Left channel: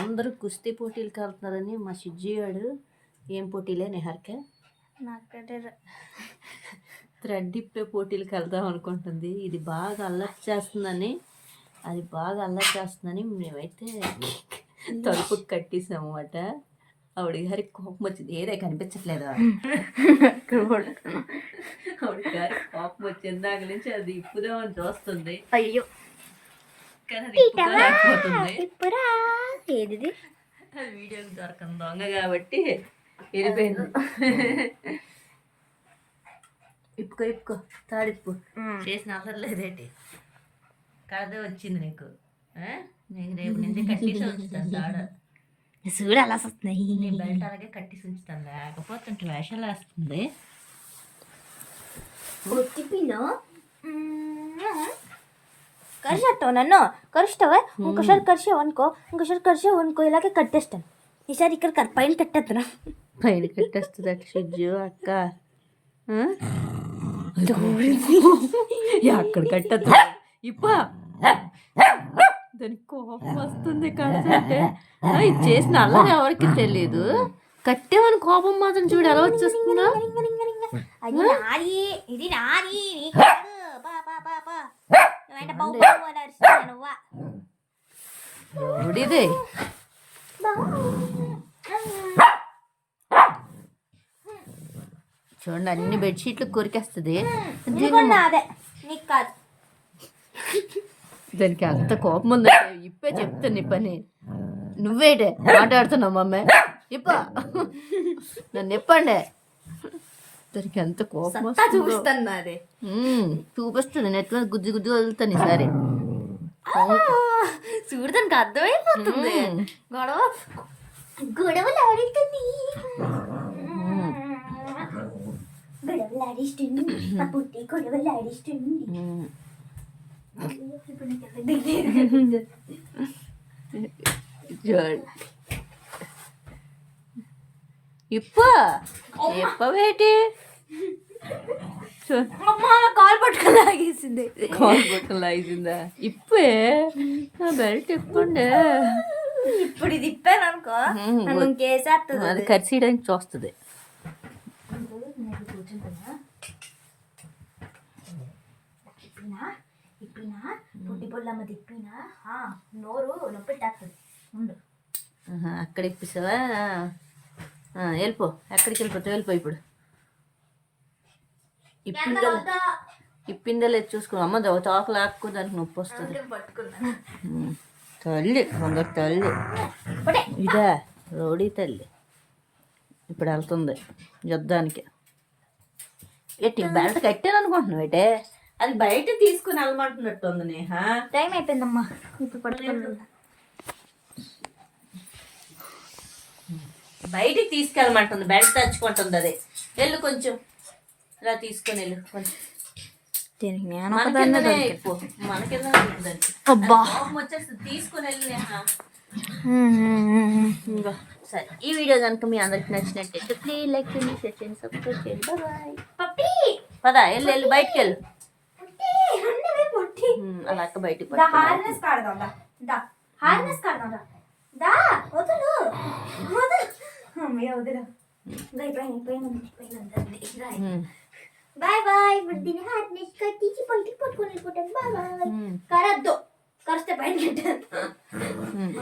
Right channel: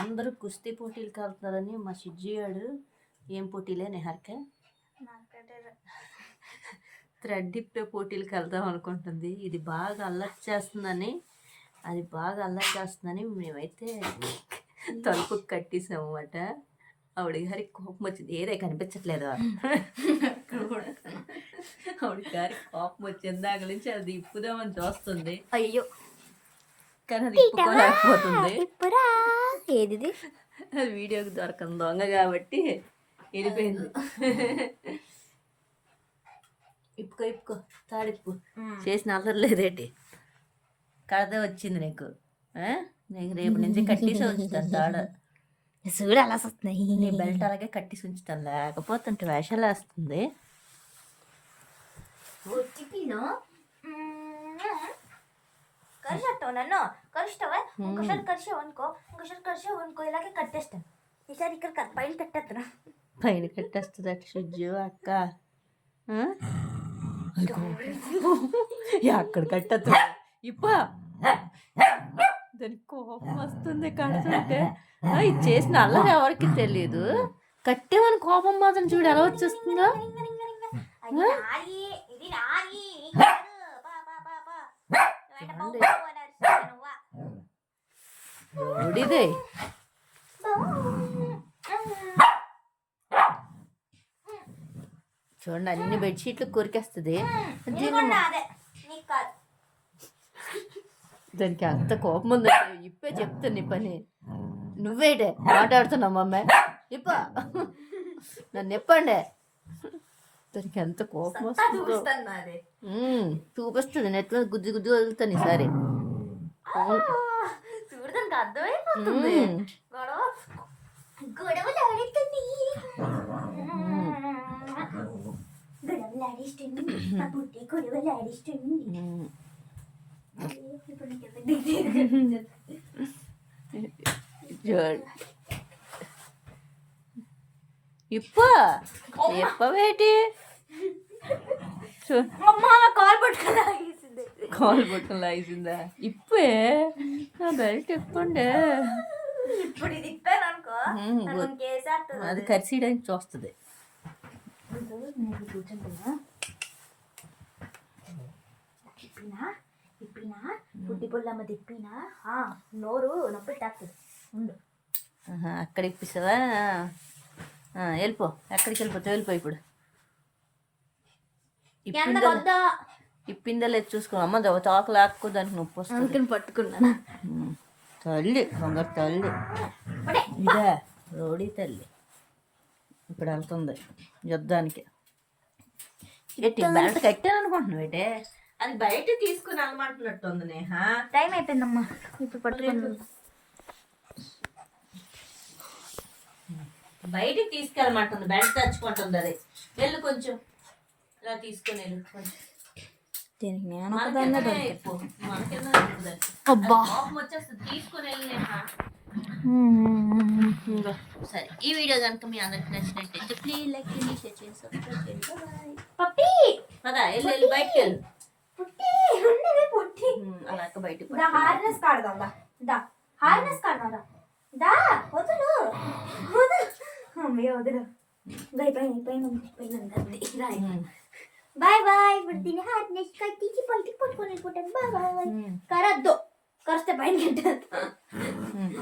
అందరూ కుస్తీ పోటీలకు వెళ్తున్నారని మా సిజ్జిగాడు ఏం పోటీలే నిహారిక? థ్రెడ్ ఇప్పే పోటీలకు వెళ్దాం అనుకుంటుంది. ఇది బాగా అల్లరి చేస్తుందని అది బాగా అల్లరి చేస్తుందని మేమైతే తలుపు కట్టేసాం అన్నమాట ఆవిడ గారికి కోపం వచ్చింది. ఏదే కనిపించట్లేదు ఆవిడ. గారికి కోపం వచ్చింది. దాని నుంచి అది ఇప్పుదామని చూస్తుంది అయ్యో. కానీ అది ఇప్పురా ఏది అది వీడియోకి దొరకని దొంగ కాబట్టి వెళ్ళిపోయింది. ఇప్పుకో ఇప్పుకో. తాడిప్పు చేసిన అవసరం లేదేటి? కడత వచ్చింది నీకు? నీకు రేపు నుంచి కట్టేసి ఉంచుతాను తాడ. చూడు అలా వస్తున్నాయి. నీ బెల్ట్ అలాగే కట్టేసి ఉంచుతాను. లేకపోతే వేషాలు వేస్తుంది. కరిచేస్తావు నన్ను కరుస్తావా ఇంకోసారి కరిచావు అనుకో ఇంకోసారి కరిచావు అనుకో ఇలాగే కట్టేస్తాను ఈసారి ఇక్కడ పైన కట్టేస్తున్నా పైన కట్టేస్తుంది అట్లా షిజ్జు అక్క? అక్కడ కట్టేస్తుంది ఇప్ప దానికి కోపం వస్తుంది కడుతుంటే ఇది చేసిన అల్లరి ఎవరికి తెలియదు కట్టేవని కోపం మాత్రం చూడు ఎలా వచ్చేస్తుందో ఇది నీ ఎవడిదే చూడండి అన్ని బెడ్షీట్లు కొరికేస్తుంది. ఇది దానికి అంత కోపం ఉందంటే ఇప్పే చెప్తాను నీ పని. నువ్వేటే మాట్లాడుతున్నావు మమ్మే ఇప్ప. నన్ను ఇప్పండి. దానికి ఎంత కోపం వస్తుందో. చూపిస్తుంది. నెట్లో గుద్ది గుద్ది వదులుతాను ఈసారి. చూడు దానికి అర్థమైపోతుంది ఉమ్, గొడవ గొడవలు ఆడుతుంది గొడవలు ఆడిస్తుంది ఆ పుట్టి గొడవలు ఆడిస్తుంది ఉమ్. ఇప్పుడు నీకు ఎంత దిగులు. చూడు ఇప్ప ఇప్పవేటి చూ అమ్మా నా కాలు పట్టుకొని కాల్ బొట్టం లాగిందా ఇప్పే నా బెల్ట్ ఇప్పండి ఇప్పుడు ఇది ఇప్పాను అనుకో ఉమ్, నన్ను వద్దు. ఇంకేసేస్తుంది అది కరిసేయడానికి చూస్తుంది. పుట్టి పొల్లమ్మ తిప్పినా నోరు ఉండు అక్కడ ఇప్పిస్తావా? వెళ్ళిపో. ఎక్కడికి వెళ్ళిపోతావు? వెళ్ళిపో ఇప్పుడు. ఇప్పిందా ఇప్పిందా లేదు చూసుకో. అమ్మ దో- తోక లాక్కో దానికి నొప్పి వస్తుంది. తల్లి కొందరు తల్లి. ఇదా రోడీ తల్లి. ఇప్పుడు వెళ్తుంది యుద్ధానికి. ఎట్టి బెల్ట్ కట్టాను అనుకుంటున్నావు ఏటే? అది బయట తీసుకుని వెళ్ళమంటున్నట్టుంది నేహ. టైం అయిపోయిందమ్మా. ఇప్పుడు పట్టుకున్నా బయటికి తీసుకెళ్ళమంటుంది బెల్ట్ తెచ్చుకుంటుంది అది. వెళ్ళు కొంచెం. ఇలా తీసుకొని వెళ్ళు. కొంచెం. దీనికి నేను ఒకదాన్నే కిందనే దొరికింది. అబ్బా. ఇంకా సరే ఈ వీడియో కనుక మీ అందరికి నచ్చినట్టయితే ప్లీజ్ లైక్ చేయండి షేర్ చేయండి సబ్స్క్రైబ్ చేయండి. Bye puppy! పదా వెళ్ళు వెళ్ళు బయటికి వెళ్ళు అలా అక్క బయటికి. హార్నెస్ కాడదాం దా. హార్నెస్ కాడదాం దా. వదులు. వదులు. అమ్మయ్య వదులు. బాయ్ పైన పైన. రాయ్. ఉమ్, బాయ్ బాయ్ ఇప్పుడు దీన్ని హార్నెస్ కట్టించి బయటికి పట్టుకొని వెళ్ళిపోతాను బాయ్ బాయ్ ఉమ్, కరద్దు కరిస్తే పైన కట్టేస్తా ఉమ్.